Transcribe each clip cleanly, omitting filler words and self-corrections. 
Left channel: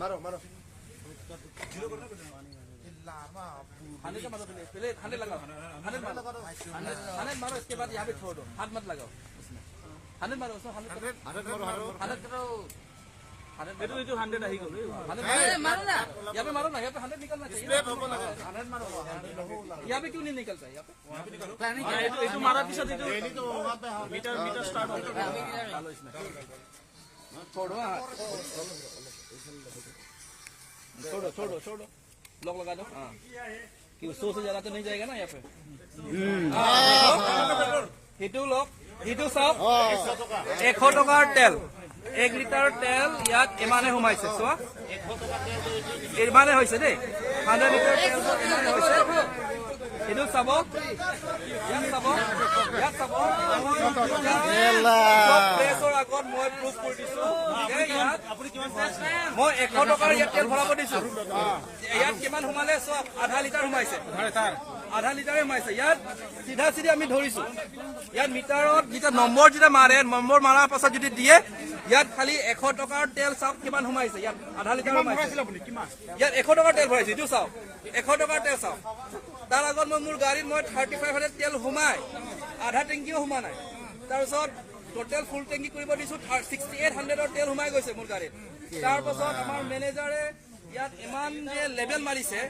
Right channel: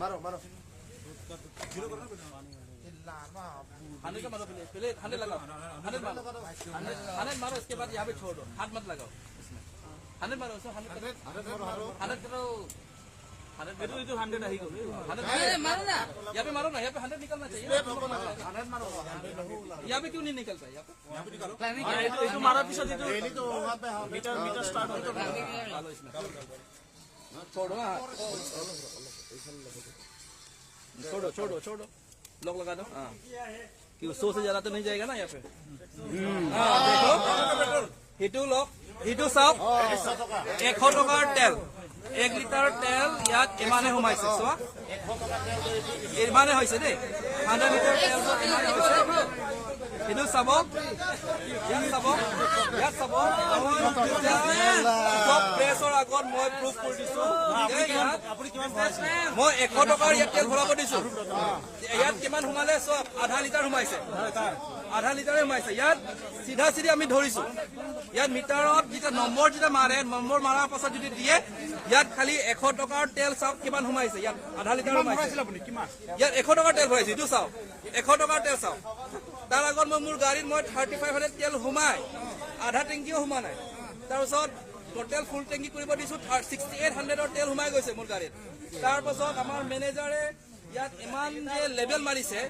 मारो मारो खाने का मारो पहले खाने लगाओ खाने मारो इसके बाद यहाँ पे छोड़ दो हाथ मत लगाओ खाने मारो उसमें खाने करो जो 100 आई गए मारो ना यहाँ पे निकलना चाहिए यहाँ पे क्यों नहीं निकलता है यहाँ पे मारा पीछे छोड़ो छोड़ो छोड़ो लॉक लगा दो हाँ 100 से ज्यादा तो नहीं जाएगा ना यहाँ पे हिटू लॉक हिटू सब 100 टকাৰ তেল 1 লিটাৰ তেল ইয়াত ইমানে সোমাইছে চোৱা ইমানে হৈছে দেই 100 লিটাৰ তেল ইমানে হৈছে হিটু চাব ইয়াত চাব চব প্ৰেছৰ আগত মই প্ৰুফ কৰি দিছো মই 100 টকাৰ ইয়াত তেল ভৰাব দিছো ইয়াত কিমান সোমালে চব আধা লিটাৰ সোমাইছে আধা লিটাৰে সোমাইছে ইয়াত চিধা চিধি আমি ধৰিছো ইয়াত মিটাৰত যেতিয়া নম্বৰ যেতিয়া মাৰে নম্বৰ মাৰাৰ পাছত যদি দিয়ে ইয়াত খালি 100 টকাৰ তেল চাওক কিমান সোমাইছে ইয়াত আধা লিটাৰ সোমাইছে ইয়াত 100 টকাৰ তেল ভৰাইছে এইটো চাওক 100 টকাৰ তেল চাওক তাৰ আগত মই মোৰ গাড়ীত মই 3500 তেল সোমাই আধা টেংকিও সোমা নাই তাৰপিছত টোটেল ফুল টেংকি কৰিব দিছো 6800ৰ তেল সোমাই গৈছে মোৰ গাড়ীত তাৰপাছত আমাৰ মেনেজাৰে ইয়াত ইমান যে লেভেল মাৰিছে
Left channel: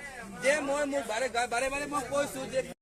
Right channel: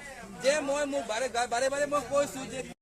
যে মই মোক বাৰে বাৰে মই কৈছো যে